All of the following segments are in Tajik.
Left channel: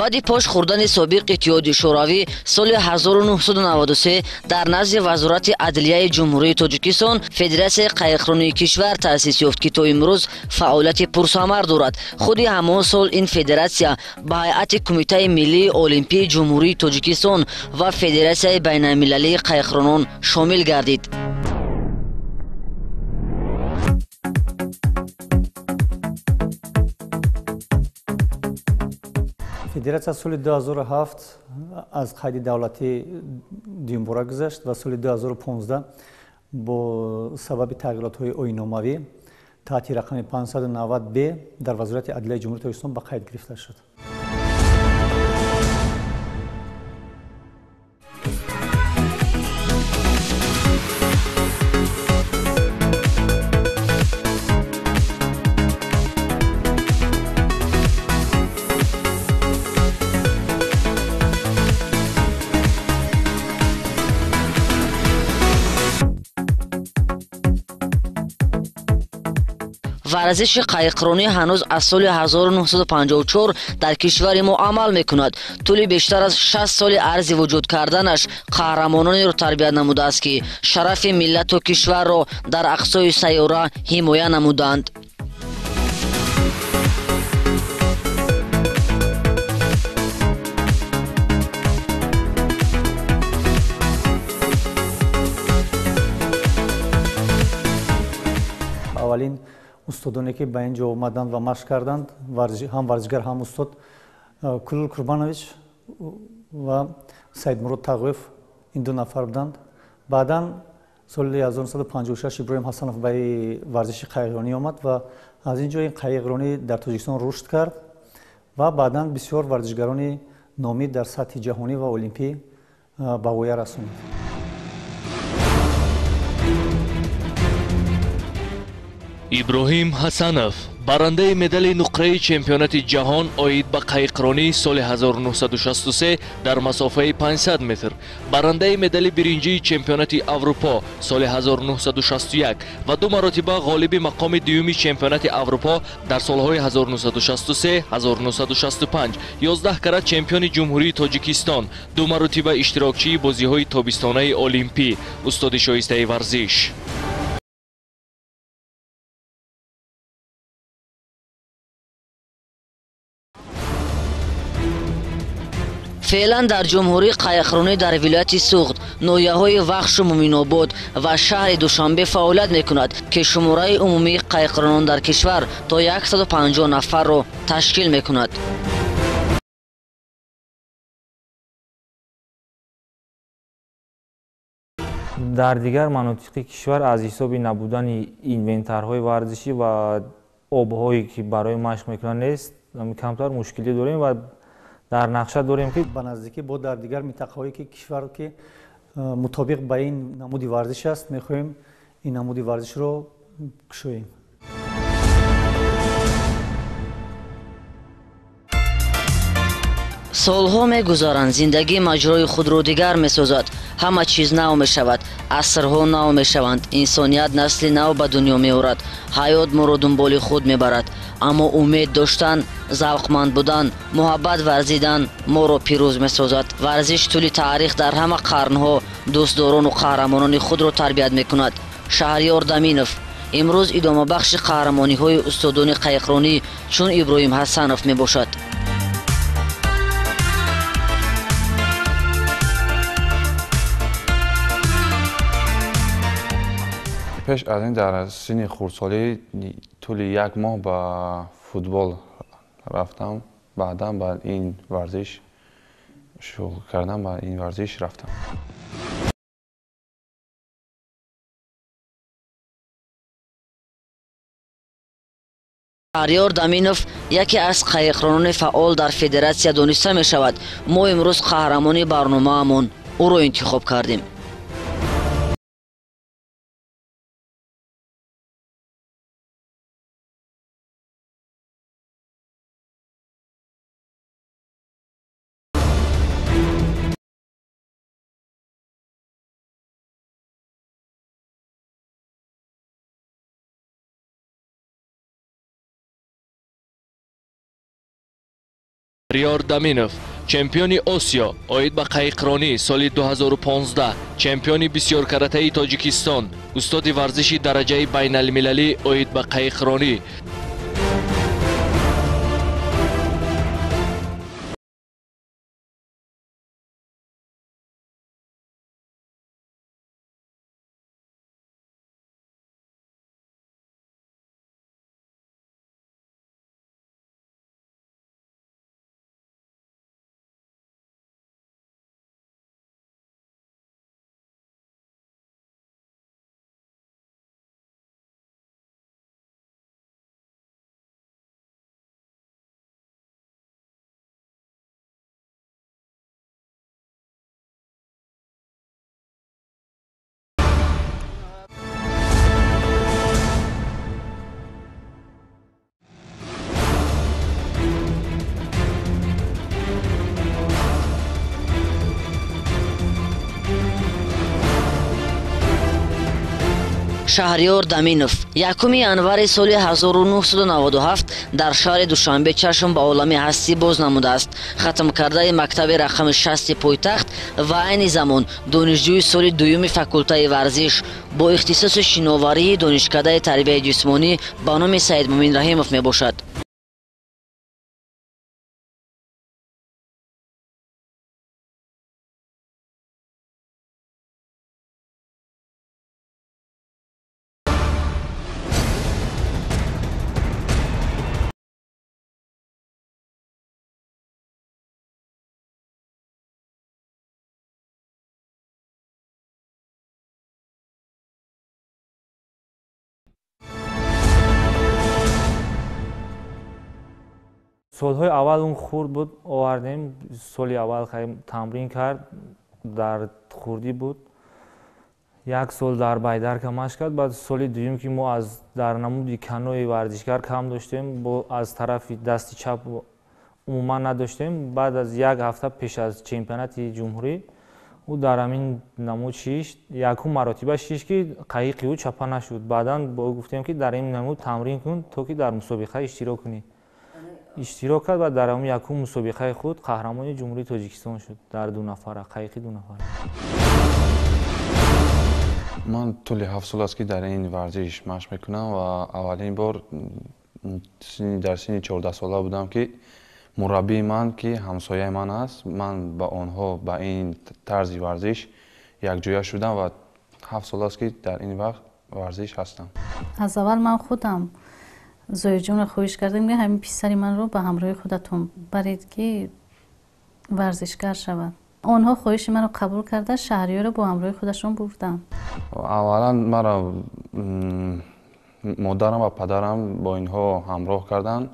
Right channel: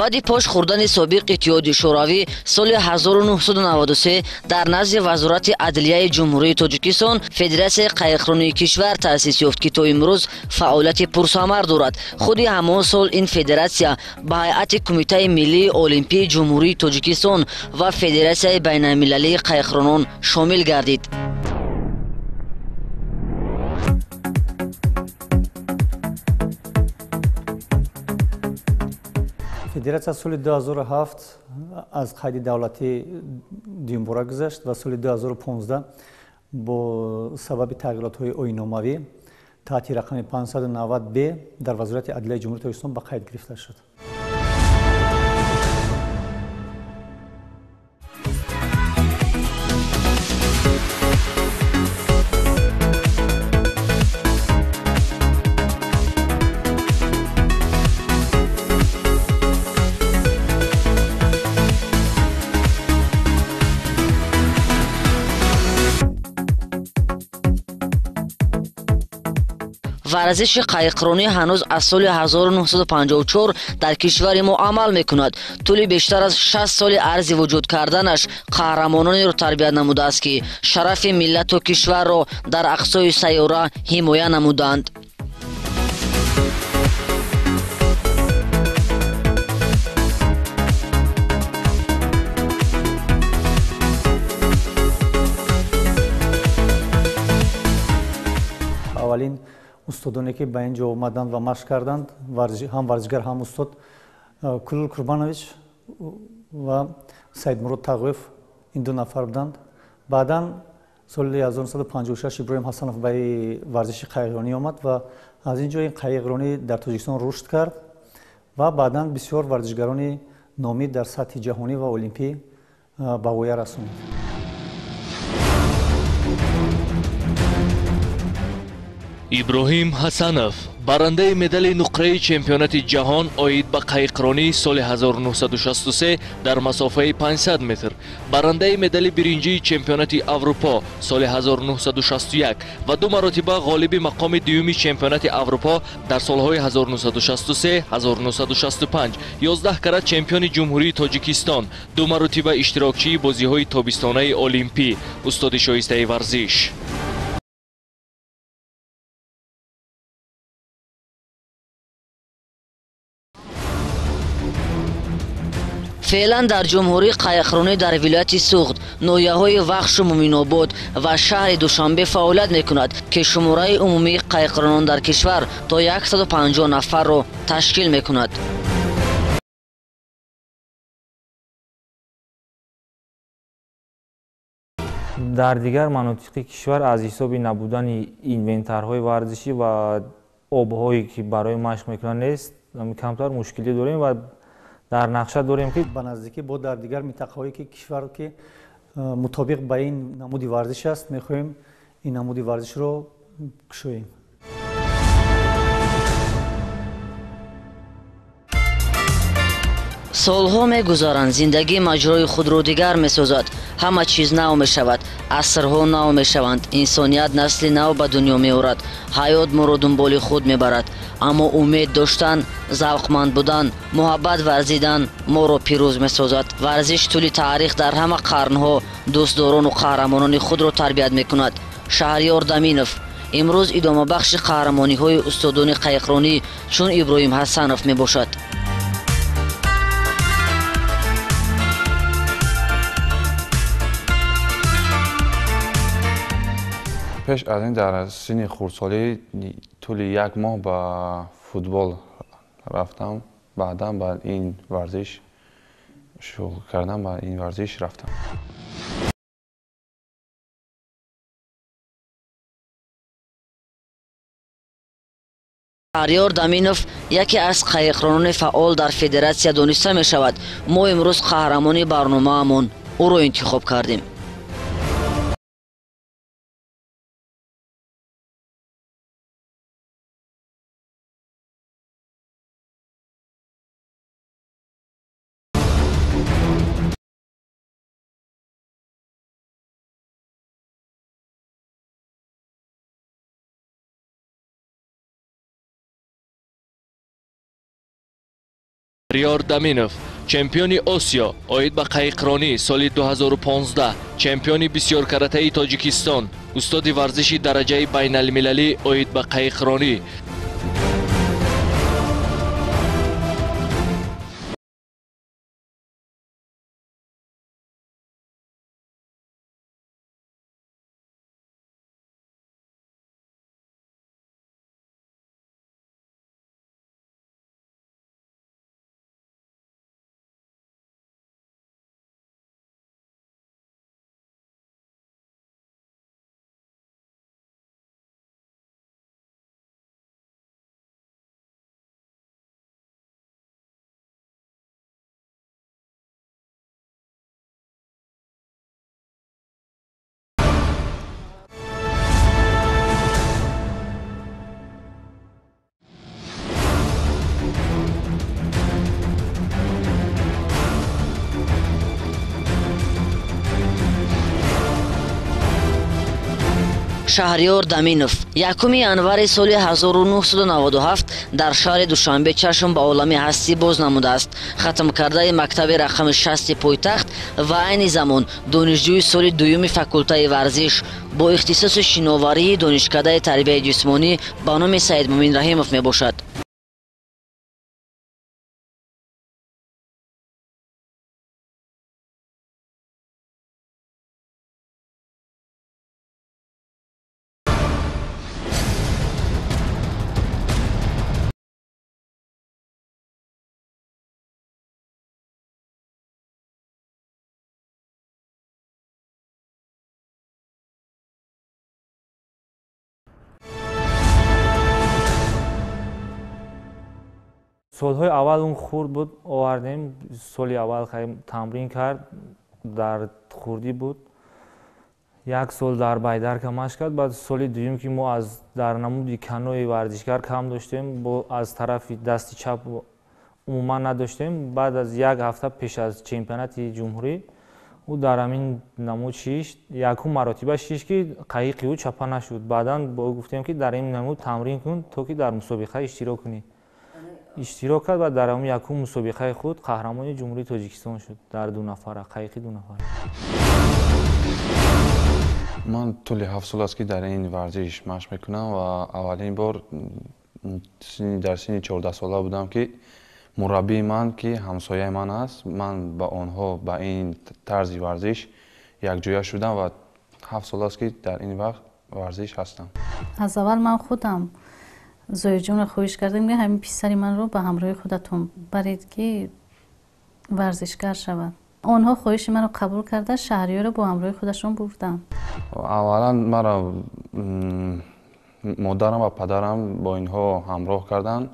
баъди пош хӯрдани собиқ иттиҳоди шӯравӣ соли 1993 дар назди вазорати адлияи ҷумҳурии тоҷикистон федератсияи қайиқронии кишвар таъсис ёфт ки то имрӯз фаъолияти пурсамар дорад. худи ҳамон сол ин федератсия ба ҳайати кумитаи миллии олимпии ҷумҳурии тоҷикистон ва федератсияи байналмилалии қайиқронон шомил гардид. Федератсия соли 2007 аз қайди давлатӣ дуюмбора гузашт ва соли 2015 бо сабаби тағйиротҳои оинномавӣ таҳти рақами 590 б дар вазорати адлияи ҷумҳурии тоҷикистон ба қайд гирифта шуд. варзиши қайиқронӣ ҳанӯз аз соли 1954 дар кишвари мо амал мекунад. тӯли бештар аз 60 соли арзи вуҷуд карданаш қаҳрамононеро тарбия намудааст ки шарафи миллату кишварро дар ақсои сайёра ҳимоя намуданд. аввалин устодоне ки ба ин ҷо омаданд ва машқ карданд, ҳам варзишгар, ҳам устод Кулул Курбанович ва Саидмурод Тағоев ин ду нафар буданд. баъдан соли 1956 Иброҳим Ҳасанов ба варзиши қайиқронӣ омад ва аз ин ҷо ин қайиқронӣ дар Тоҷикистон рушд кард ва баъдан бисёр варзишгарони номид дар сатҳи ҷаҳонӣ ва олимпӣ ба воя расонд. иброҳим ҳасанов барандаи медали нуқраи чемпионати ҷаҳон оид ба қайиқронӣ соли 1963 дар масофаи 500 метр, барандаи медали биринҷии чемпионати Аврупо соли 1961 ва ду маротиба ғолиби мақоми дуюми чемпионати Аврупо дар солҳои 1963-1965, 11 карат чемпиони ҷумҳурии Тоҷикистон, ду маротиба иштирокчии бозиҳои тобистонаи олимпӣ, устоди шоистаи варзиш. феълан дар ҷумҳурии қайиқронӣ дар вилояти Суғд, ноҳияҳои Вахшу Муминобод ва шаҳри Душанбе фаъолият мекунад ки шумораи умумии қайиқронон дар кишвар то 150 нафарро ташкил мекунад. дар дигар манотиқи кишвар аз ҳисоби набудани инвентарҳои варзишӣ ва обҳое ки барои машқ мекунанд нест, камтар мушкилӣ дорем ва дар нақша дорем ки ба наздикӣ бо дар дигар минтақаҳое ки кишвар ки мутобиқ ба ин намуди варзиш аст, мехоҳем ин намуди варзишро кушоем. солҳо мегузаранд, зиндагӣ маҷрои худро дигар месозад, ҳама чиз нав мешавад, асрҳо нав мешаванд, инсоният насли нав ба дунё меорад, ҳаёт моро дунболи худ мебарад, аммо умед доштан, завқманд будан, муҳаббат варзидан моро пирӯз месозад. варзиш тӯли таърих дар ҳама қарнҳо дӯстдорону қаҳрамонони худро тарбият мекунад. Шаҳрёр Даминов имрӯз идомабахши қаҳрамониҳои устодони қайиқронӣ чун Иброҳим Ҳасанов мебошад. пеш аз ин дар синни хурдсолӣ тӯли як моҳ ба футбол рафтам, баъдан ба ин варзиш шуғл кардан, ба ин варзиш рафтам. Шаҳрёр Даминов яке аз қайиқронони фаъол дар федератсия дониста мешавад. мо имрӯз қаҳрамони барномаамон ӯро интихоб кардем. Приёр Даминов, чемпиони Осиё, оид ба қайқронӣ соли 2015, чемпиони бисёркаратаи Тоҷикистон, устоди варзиши дараҷаи байналмилалӣ оид ба қайқронӣ. шаҳриёр Даминов 1 январи соли 1997 дар шаҳри Душанбе чашм ба олами ҳастӣ боз намудааст. Хатм кардаи мактаби рақами 60 пойтахт ва айни замон донишҷӯи соли 2 факултаи варзиш бо ихтисоси шиноварии донишкадаи тарбияи ҷисмонӣ ба номи Саидмуъмин Раҳимов мебошад. солҳои аввал он хурд буд, овардем, соли аввал тамрин кард, дар хурдӣ буд. 1 сол дар байдарка машқ кард, баъд соли дуюм ки мо дар намуди канои варзишгар кам доштем, аз тарафи дасти чап умуман надоштем. Баъд аз 1 ҳафта пеш аз чемпионати ҷумҳурӣ ӯ дар ҳамин намуд шишт, якум маротиба шишт ки қайиқи ӯ чапа нашуд. Баъдан бо ӯ гуфтем ки дар ин намуд тамрин кун, то ки дар мусобиқа иштирок кунӣ. иштирок кард ва дар ҳамин якум мусобиқаи худ қаҳрамони ҷумҳурии Тоҷикистон шуд дар 2 нафара, қайиқи 2 нафара. ман тӯли 7 сол аст ки дар ин варзиш машқ мекунам ва аввалин бор дар синни 14 сола будам ки мураббии ман ки ҳамсояи ман аст, ман ба онҳо ба ин тарзи варзиш якҷоя шудам ва 7 сол аст ки дар ин вақт варзиш ҳастам. аз аввал ман худам зояҷонро хоҳиш кардам ки ҳамин писари манро ба ҳамроҳи худатон баред ки варзишгар шавад. онҳо хоҳиши маро қабул карда шаҳриёрро бо ҳамроҳи худашон бурданд. аввалан маро модарам ва падарам бо инҳо ҳамроҳ карданд,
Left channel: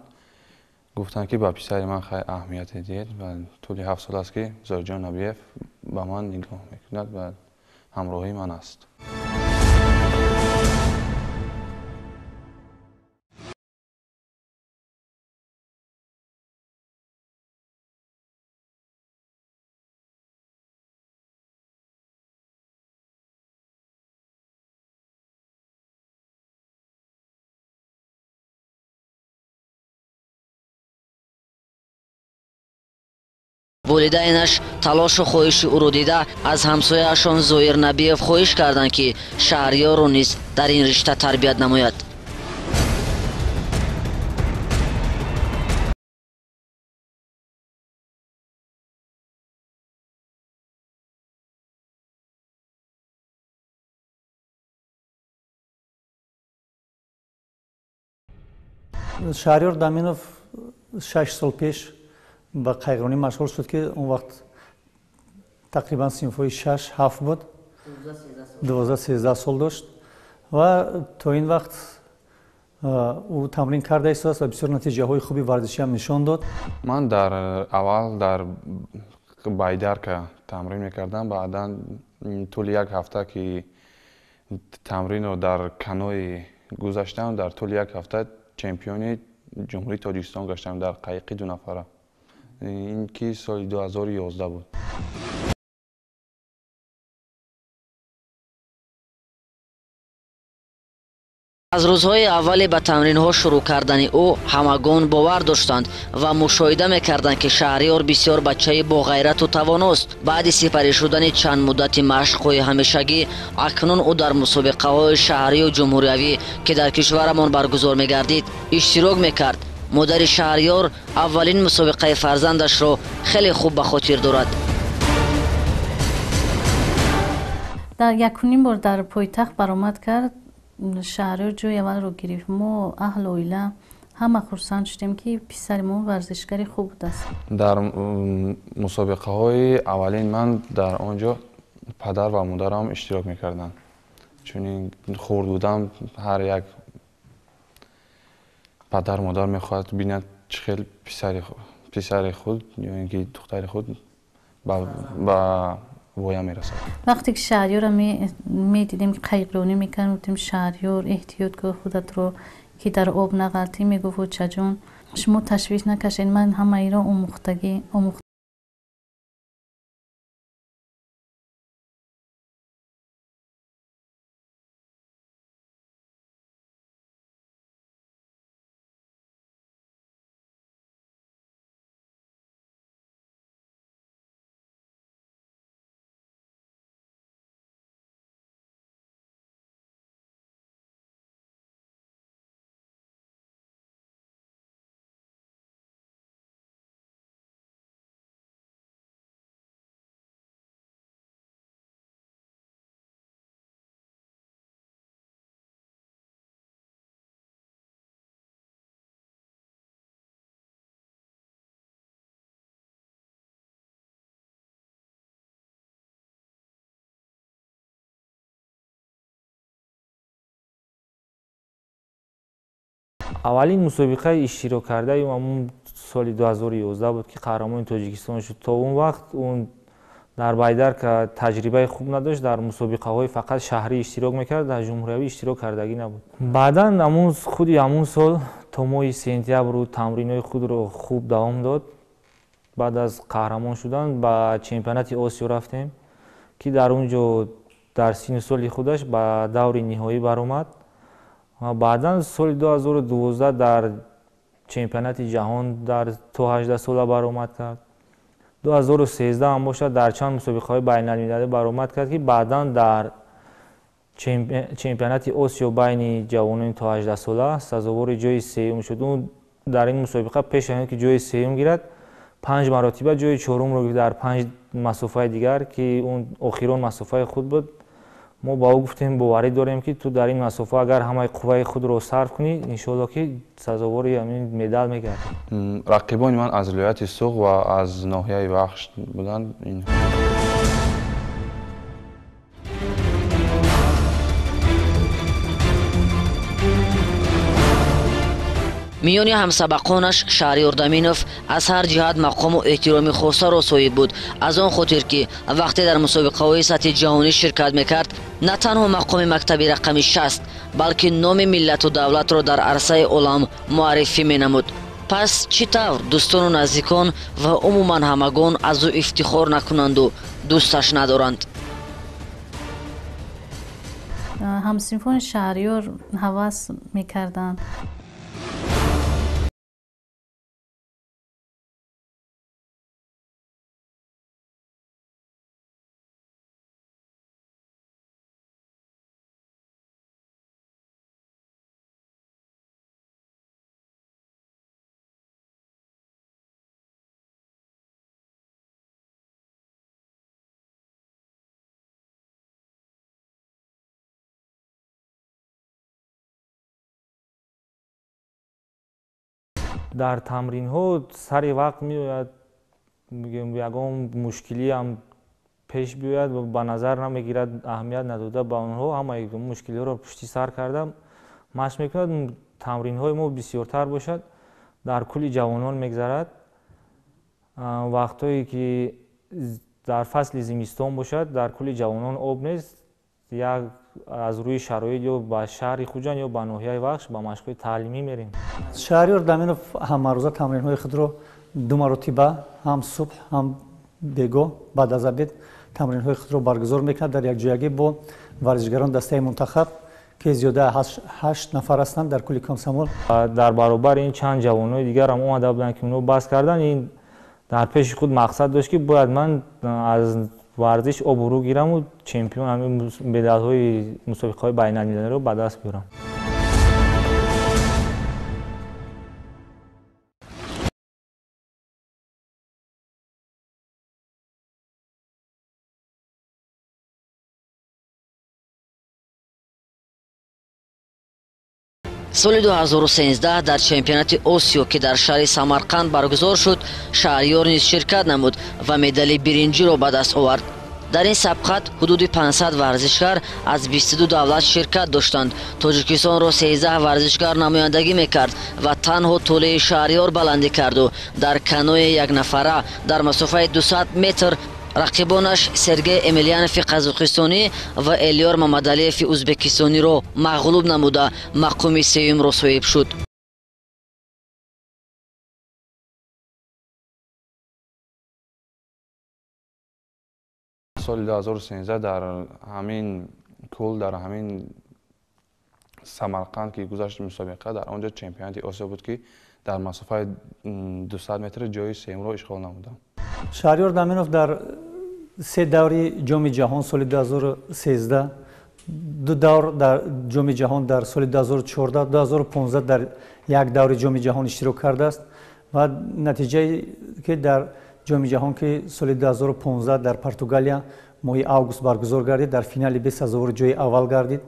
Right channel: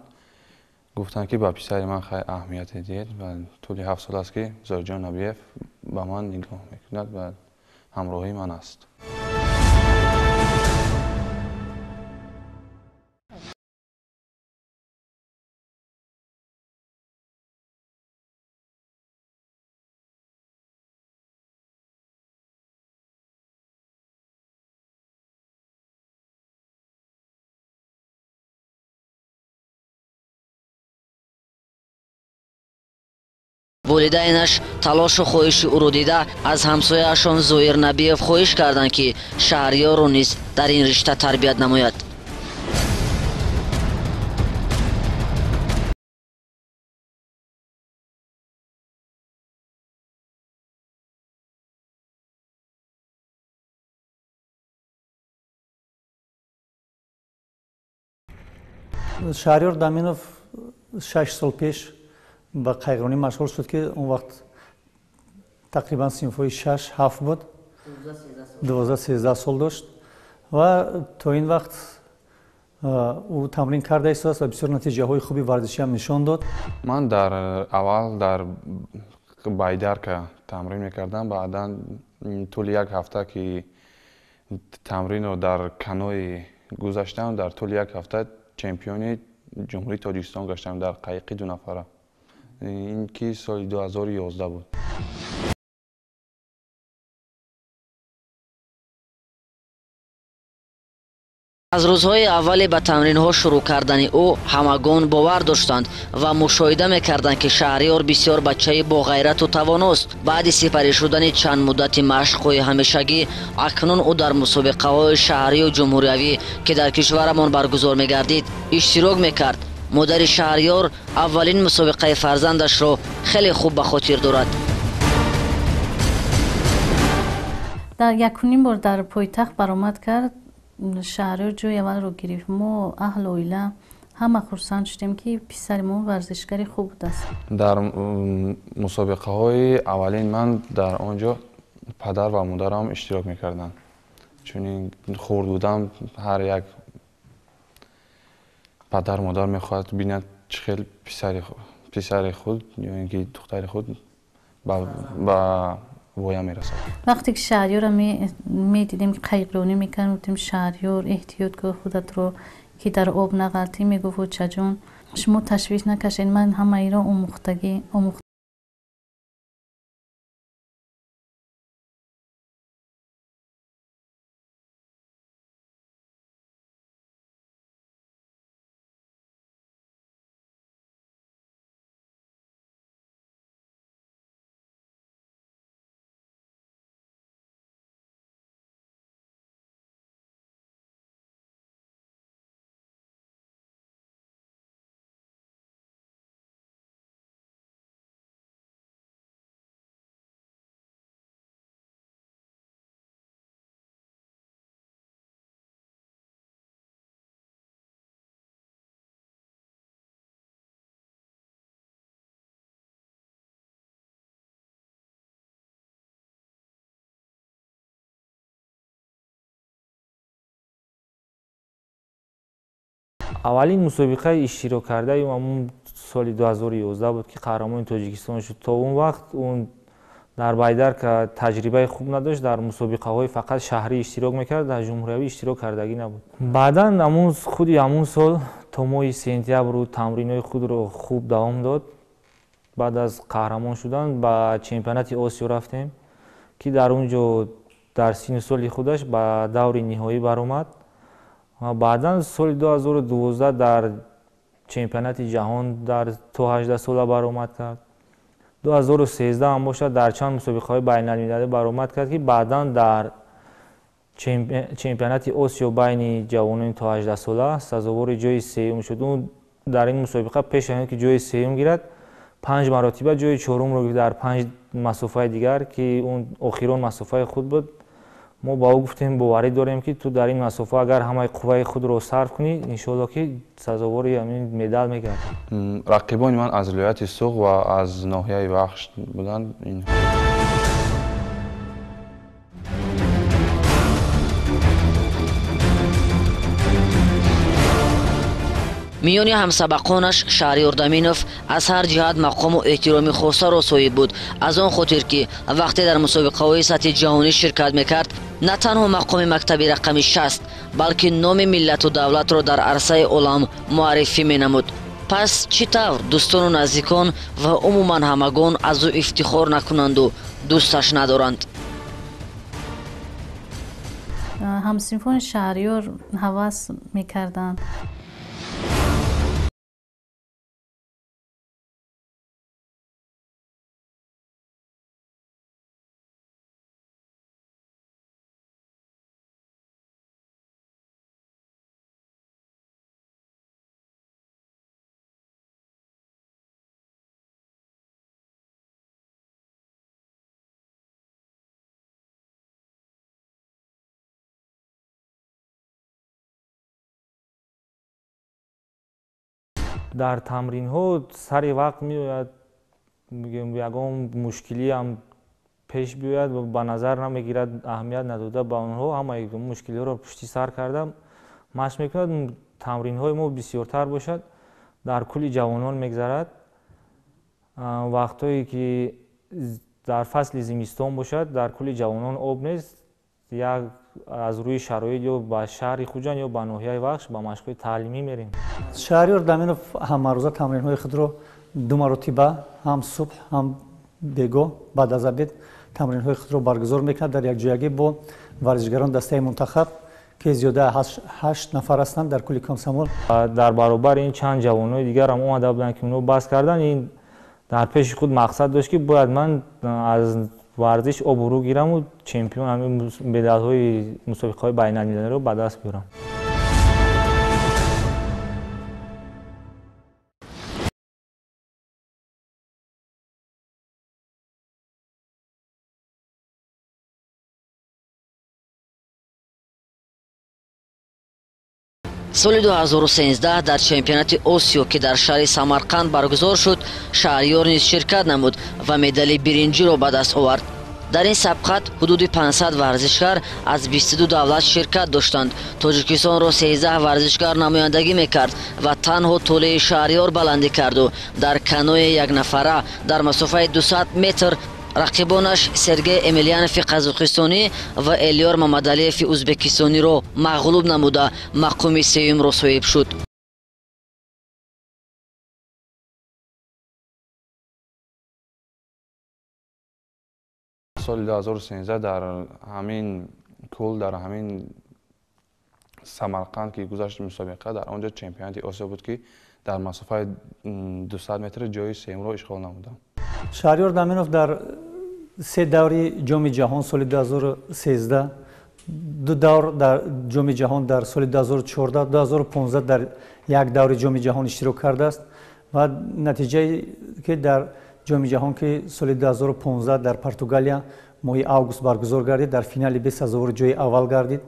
гуфтанд ки ба писари ман хеле аҳамияте диҳед ва тӯли 7 сол аст ки Зориҷон Набиев ба ман нигоҳ мекунад ва ҳамроҳии ман аст. волидайнаш талошу хоҳиши ӯро дида аз ҳамсояашон Зоир Набиев хоҳиш карданд ки шаҳриёрро низ дар ин ришта тарбият намояд. шаҳриёр Даминов 6 сол пеш ба қайғронӣ машғул шуд ки он вақт тақрибан синфҳои 6-7 буд, 12-13 сол дошт ва то ин вақт ӯ тамрин карда истодаст ва бисёр натиҷаҳои хуби варзишӣ ҳам нишон дод. ман дар аввал дар байдарка тамрин мекардам, баъдан тӯли 1 ҳафта ки тамринро дар канои гузаштам, дар тӯли 1 ҳафта чемпиони ҷумҳурии Тоҷикистон гаштам дар қайиқи 2 нафара. ин ки соли 2011 буд. аз рӯзҳои аввали ба тамринҳо шурӯъ кардани ӯ ҳамагон бовар доштанд ва мушоҳида мекарданд ки Шаҳриёр бисёр бачаи боғайрату тавоност. Баъди сипарӣ шудани чанд муддати машқҳои ҳамешагӣ, акнун ӯ дар мусобиқаҳои шаҳрию ҷумҳуриявӣ ки дар кишварамон баргузор мегардид иштирок мекард. модари Шаҳриёр аввалин мусобиқаи фарзандашро хеле хуб ба хотир дорад. дар якуним бор дар пойтахт баромад кард. Шаҳриёр ҷои аввалро гирифт. мо аҳлу оила ҳама хурсанд шудем ки писари мо варзишгари хуб будааст. дар мусобиқаҳои аввалин ман дар он ҷо падар ва модарам иштирок мекарданд. чунин хурд будам, ҳар як падар модар мехоҳад бинад чӣ хел писари худ ё ин ки духтари худ ба воя мерасад. вақте ки Шаҳриёрро медидем ки қайғронӣ мекард, гуфтем Шаҳриёр эҳтиёт кун худатро ки дар об нағалтӣ. мегуфт очаҷон шумо ташвиш накашед, ман ҳамаиро омӯхтагӣ аввалин мусобиқаи иштирок кардаи ҳамун соли 2011 буд ки қаҳрамони Тоҷикистон шуд. то он вақт дар байдарка таҷрибаи хуб надошт, дар мусобиқаҳои фақат шаҳрӣ иштирок мекард, дар ҷумҳуриявӣ иштирок кардагӣ набуд. баъдан худи ҳамун сол то моҳи сентябру тамринои худро хуб давом дод. баъд аз қаҳрамон шудан ба чемпионати Осиё рафтем ки дар он ҷо дар синну соли худаш ба даври ниҳоӣ баромад. баъдан соли 2012 дар чемпионати ҷаҳон дар то 18 сола баромад кард. 2013 ҳам бошад дар чанд мусобиқаҳои байналмилалӣ баромад кард ки баъдан дар чемпионати Осиё байни ҷавонони то 18 сола сазовори ҷои сеюм шуд. ӯ дар ин мусобиқа пеш аз ин ки ҷои сеюм гирад, 5 маротиба ҷои чорумро гирифт дар 5 масофаи дигар ки он охирон масофаи худ буд. мо ба ӯ гуфтем боварӣ дорем ки ту дар ин масофа агар ҳамаи қувваи худро сарф кунӣ, иншоалло ки сазовори ҳамин медал мегардӣ. рақибони ман аз вилояти Суғ ва аз ноҳияи Вахш буданд. миёни ҳамсабақонаш Шаҳриёр Даминов аз ҳар ҷиҳат мақому эҳтироми хосаро соҳиб буд. аз он хотир ки вақте дар мусобиқаҳои сатҳи ҷаҳонӣ ширкат мекард, на танҳо мақоми мактаби рақами 60, балки номи миллату давлатро дар арсаи олам муаррифӣ менамуд. пас чӣ тавр дӯстону наздикон ва умуман ҳамагон аз ӯ ифтихор накунанду дӯсташ надоранд? ҳамсинфони Шаҳриёр ҳавас мекарданд. дар тамринҳо сари вақт меояд ягон мушкилиам пеш биёяд ва ба назар намегирад, аҳамият надода ба онҳо ҳамаи мушкилиҳоро пушти сар карда машқ мекунад. тамринҳои мо бисёртар бошад, дар кӯли ҷавонон мегзарад. вақтҳое ки дар фасли зимистон бошад, дар кӯли ҷавонон об нест, як аз рӯи шароит ё ба шаҳри хуҷан ё ба ноҳияи Вахш ба машқҳои таълимӣ мерем. Шаҳриёр Даминов ҳамарӯза тамринҳои худро 2 маротиба ҳам субҳ ҳам бегоҳ баъд аз обед тамринҳои худро баргузор мекунад дар якҷоягӣ бо варзишгарон дастаи мунтахаб که زیاده 8 نفر هستند در کل کامسامول. در برابر این چند جوانای دیگر هم اومده بودن که اونو بس کردن. این در پیش خود مقصد داشت که باید من از ورزش عبور گیرم و چمپیون همین مدال‌های مسابقه‌های بین‌المللی رو به دست بیارم. соли 2013 дар чемпионати осиё ки дар шаҳри самарқанд баргузор шуд, шаҳриёр низ ширкат намуд ва медали биринҷиро ба даст овард. дар ин сабқат ҳудуди 500 варзишгар аз 22 давлат ширкат доштанд. тоҷикистонро 13 варзишгар намояндагӣ мекард ва танҳо тӯлаи шаҳриёр баландӣ карду. дар каноe якнафара дар масофаи 200 метр рақибонаш Сергей Эмельянови қазоқистонӣ ва Элёр Мамадалиеви ӯзбекистониро мағлуб намуда мақоми сеюмро соҳиб шуд. соли 2013 дар ҳамин кул дар ҳамин самарқанд ки гузашт мусобиқа, дар онҷо чемпионати осиё буд ки дар масофаи 200 метр ҷои сеюмро ишғол намудам. шаҳриёр даминов дар се даври ҷоми ҷаҳон соли 2013, ду давр дар ҷоми ҷаҳон дар соли 2014, 2015 дар як даври ҷоми ҷаҳон иштирок кардааст ва натиҷае ки дар ҷоми ҷаҳон ки соли 2015 дар Португалия моҳи август баргузор гардид, дар финали 20,000 ҷои аввал гардид.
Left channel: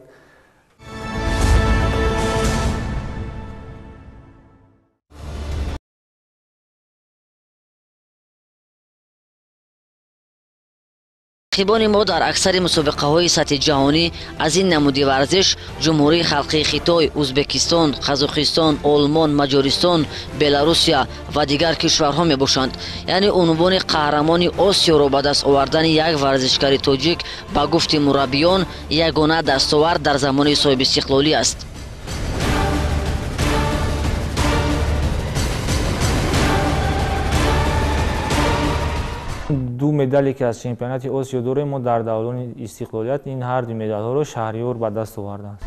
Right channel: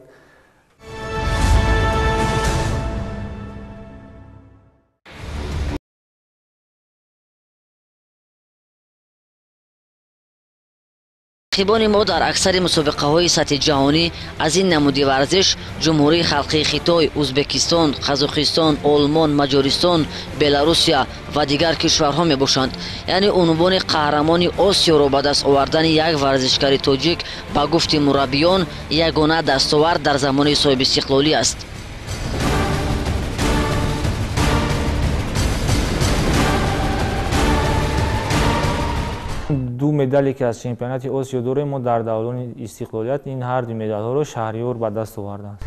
рақибони мо дар аксари мусобиқаҳои сатҳи ҷаҳонӣ аз ин намуди варзиш ҷумҳурии халқии Хитой, Ӯзбекистон, Қазоқистон, Олмон, Маҷористон, Беларусия ва дигар кишварҳо мебошанд. яъне унвони қаҳрамони Осиёро ба даст овардани як варзишгари тоҷик ба гуфти мураббиён ягона дастовард дар замони соҳибистиқлолӣ аст. ду медале ки аз чемпионати осиё дорем мо дар даврони истиқлолият, ин ҳар ду медалҳоро шаҳриёр ба даст овардааст.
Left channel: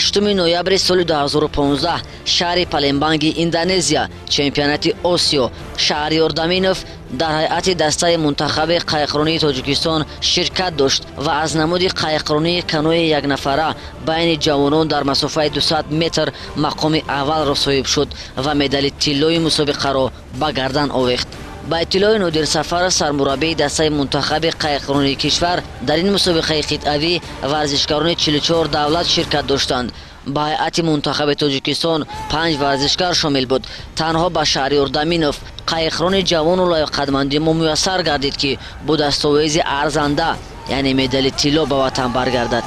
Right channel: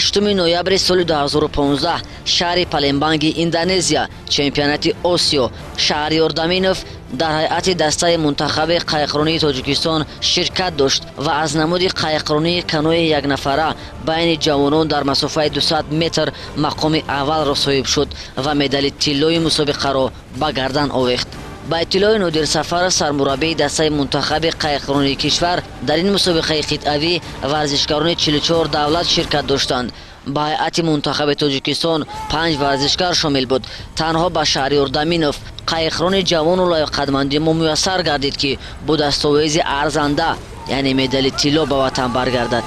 ҳаштуми ноябри соли 2015 шаҳри Палембанги, Индонезия, чемпионати Осиё. Шаҳриёр Даминов дар ҳайати дастаи мунтахаби қайиқронии Тоҷикистон ширкат дошт ва аз намуди қайиқронии каноe якнафара байни ҷавонон дар масофаи 200 метр мақоми аввалро соҳиб шуд ва медали тиллои мусобиқаро ба гардан овехт. ба иттилои Нодир Сафаров, сармураббии дастаи мунтахаби қайиқронии кишвар, дар ин мусобиқаи қитъавӣ варзишгарони 44 давлат ширкат доштанд. ба ҳайати мунтахаби Тоҷикистон 5 варзишгар шомил буд. танҳо ба Шаҳриёр Даминов, қайиқрони ҷавону лоиққадмандӣ мо муяссар гардид ки бо дастовези арзанда, яъне медали тилло ба ватан баргардад.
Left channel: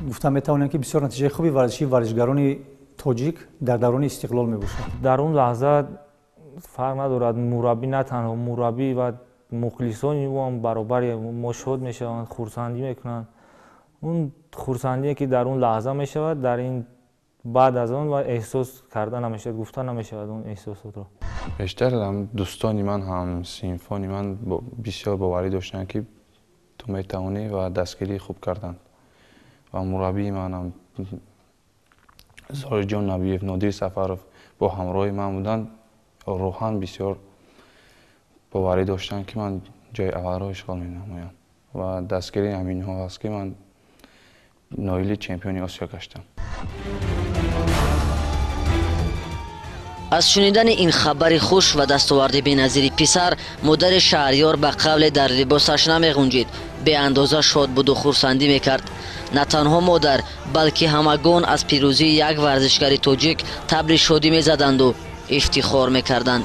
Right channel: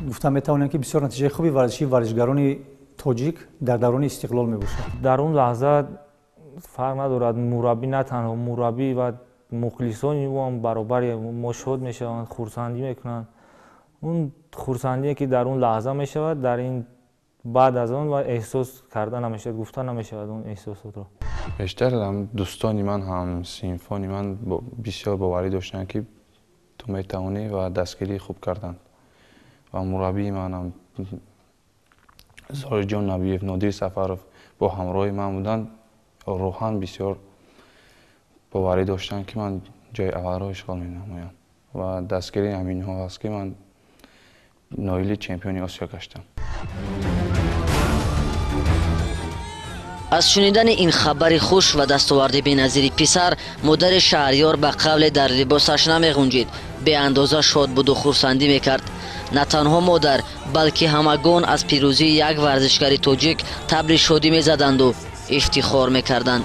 гуфта метавонем ки бисёр натиҷаи хуби варзиши варзишгарони тоҷик дар даврони истиқлол мебошад. дар он лаҳза фарқ надорад, мураббӣ на танҳо мураббӣ ва мухлисони ӯ ҳам баробари мо шод мешаванд, хурсандӣ мекунанд. он хурсандие ки дар он лаҳза мешавад, дар ин баъд аз он ва эҳсос карда намешавад, гуфта намешавад он эҳсосотро. бештар дӯстони ман ҳам синфони ман бисёр боварӣ доштанд ки ту метавонӣ ва дастгирии хуб карданд ва мураббии манам Зориҷон Набиев, Нодир Сафаров бо ҳамроҳи ман буданд. роҳан бисёр боварӣ доштанд ки ман ҷои аввалро ишғол менамоям ва дастгирии ҳаминҳо аст ки ман نایل چمپیونی آسیا گشتم. از شنیدن این خبر خوش و دستاورد بی‌نظیر پسر، مادر شهریار به قول در لباسش نمی‌غنجید، به اندازه شاد بود و خرسندی میکرد. نه تنها مادر، بلکه همگان از پیروزی یک ورزشکار تاجیک تبر شادی میزدند و افتخار میکردند.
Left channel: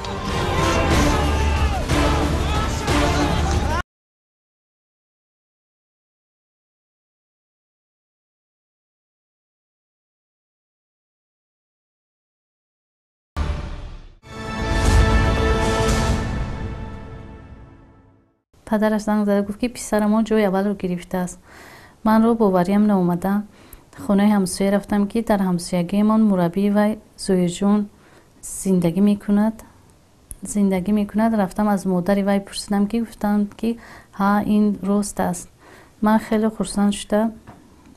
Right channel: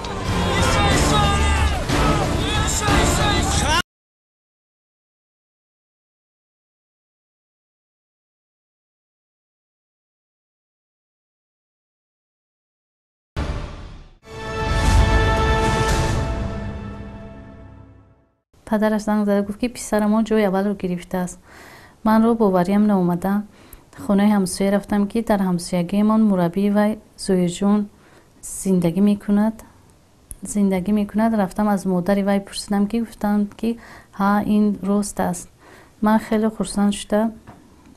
پدرش زنگ زده گفت که پسر ما جای اول رو گرفته است. من رو باوریم ناومده خونه همسایه رفتم که در همسایگی من مربی و زوی جون زندگی میکند. رفتم از مادر وی پرسیدم که گفتند که ها این راست است. من خیلی خرسند شده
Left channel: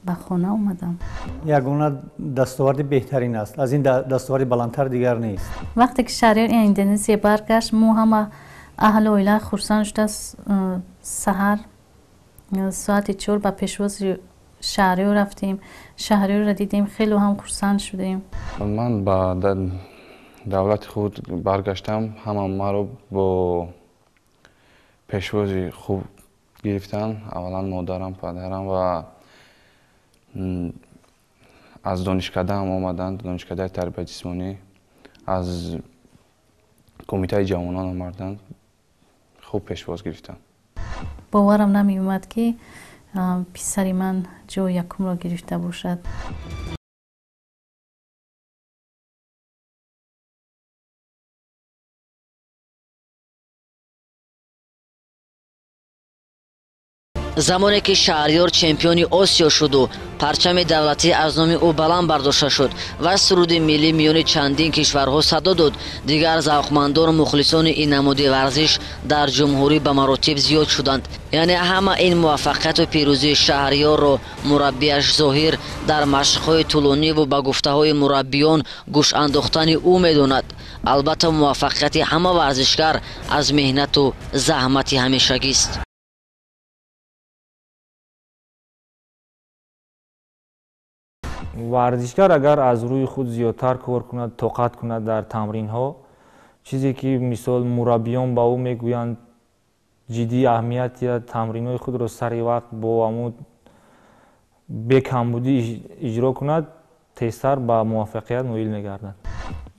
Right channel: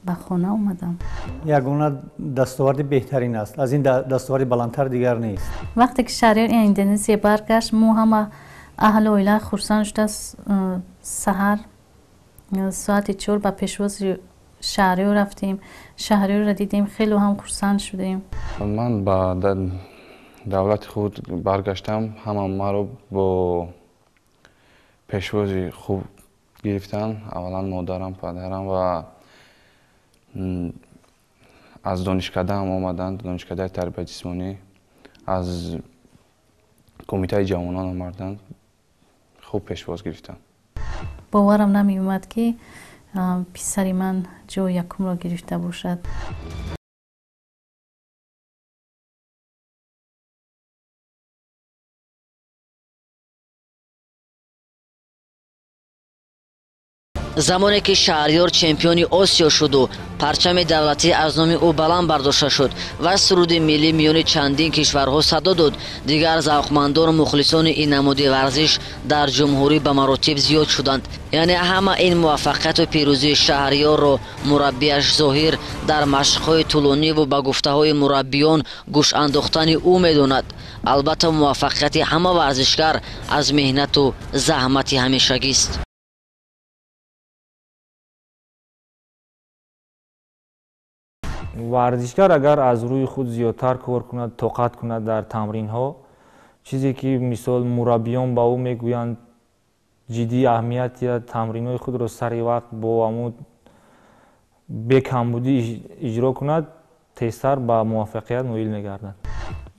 به خانه اومدم. یگانه دستاورد بهترین است. از این دستاورد بلندتر دیگر نیست. وقتی که شهریار اندونزیا برگشت، ما همه اهل اویله خرسند شده. سحر ساعت 4 به پیشواز شهریار رفتیم. شهریار را دیدیم، خیلی هم خرسند شدیم. من با دولت خود برگشتم، همه ما رو با پیشوازی خوب گرفتن. اولا مادرم، پدرم و از دانشکده هم آمدند، دانشکده تربیت جسمانی، از کمیته جوانان آمدند، خوب پیشواز گرفتن. باورم نمی اومد که پسری من جای یکم را گرفته باشد. زمانی که شهریار چمپیون آسیا شد و پرچم دولتی از نام او بلند برداشته شد و سرود ملی میان چندین کشورها صدا داد، دیگر ذوقمندان و مخلصان این نماد ورزش در جمهوری به مراتب زیاد شدند. یعنی همه این موفقیت و پیروزی شهریار را مربیش ظاهر در مشق‌های طولانی و به گفته‌های مربیان گوش انداختن او می‌داند. البته موفقیت همه ورزشکار از مهنت و زحمت همیشگی است. ورزشکار اگر از روی خود زیادتر کار کند، طاقت کند در تمرین ها، چیزی که مثال مربیان با او میگویند جدی اهمیت تمرین های خود را سر وقت با عمود به کمبودی اجرا کند، تیزتر به موفقیت نائل میگردد.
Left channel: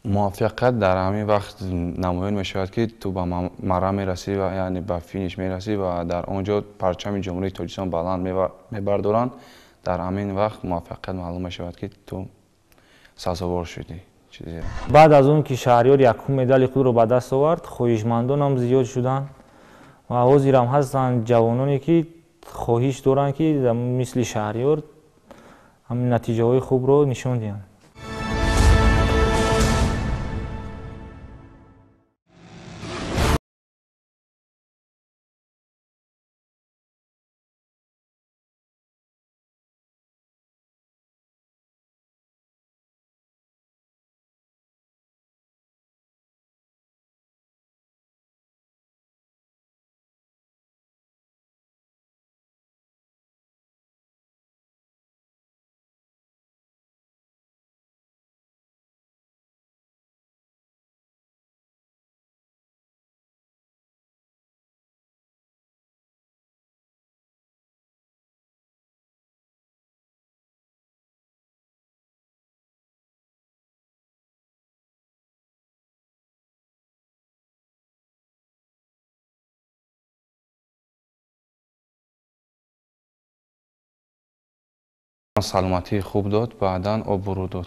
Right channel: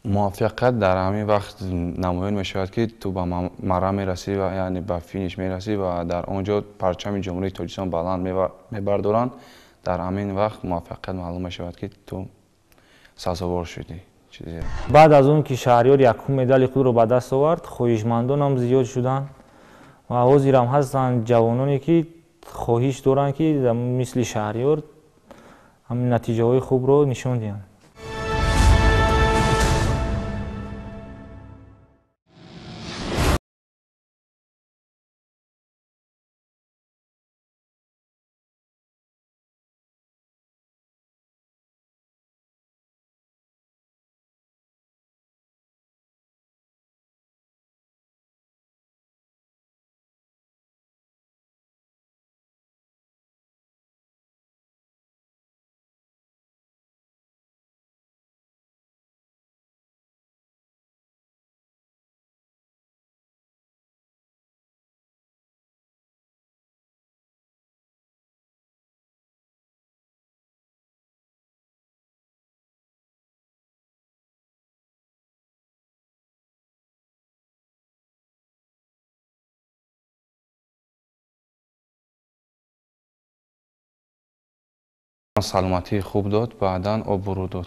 موفقیت در همین وقت نمایان می شود که تو به مرام میرسی و یعنی به فینیش میرسی و در آنجا پرچم جمهوری تاجیکستان بلند میبردارند. در همین وقت موفقیت معلوم می شود که تو سزاوار شدی. بعد از اون که شهریار یکم مدال خود را به دست آورد، خواهشمندان هم زیاد شدند و حاضر هم هستند جوانانی که خواهش دارند که مثل شهریار هم نتیجه های خوب را نشان دهند. سلامتی خوب داد، بعداً آب برو داد.